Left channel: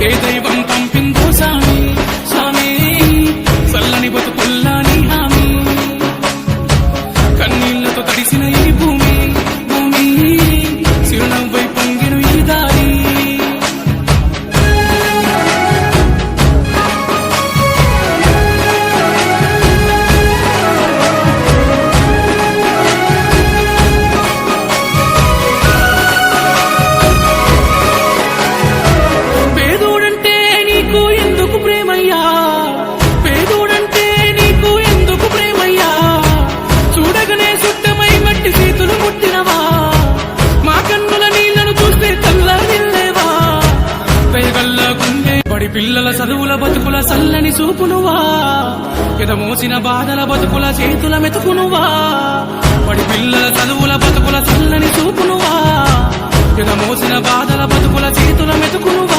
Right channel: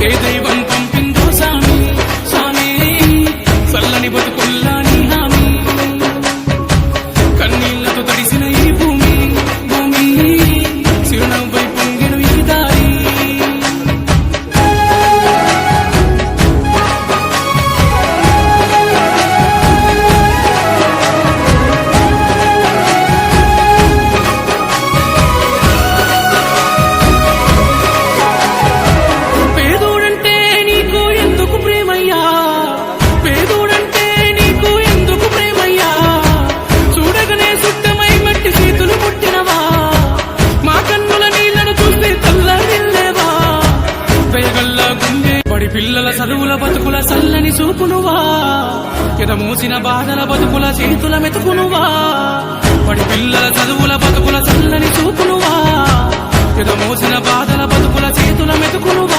ఏ దైవం పంపిందో సామి సామి చల్లని బతుకుల్లా నీ హామీ కన్నీళ్లతో తడిసిన ఈ భూమి భూమి చిరునవ్వై పొంగెను ఈ దారి పేదోడంటే నీకు ఎందుకు ప్రేమయ్యా పేదోడంటే నీకు ఎందుకు ప్రేమయ్యా చూడగనే సుట్టమై మట్టి చేతులు పుట్టినవా మా కన్నుల నీళ్లను చూస్తే తల్లడిల్లేవా దయగల్ల గుండె బడి పిల్లల చదువుల బతుకుల చల్లని చూపునువా ఎదమోసిన బాధల బతుకుల చేతుల మెతుకునువా బడి పిల్లల చదువుల బతుకుల చల్లని చూపునువా ఎదమోసిన బాధల బతుకుల చేతుల మెతుకునువా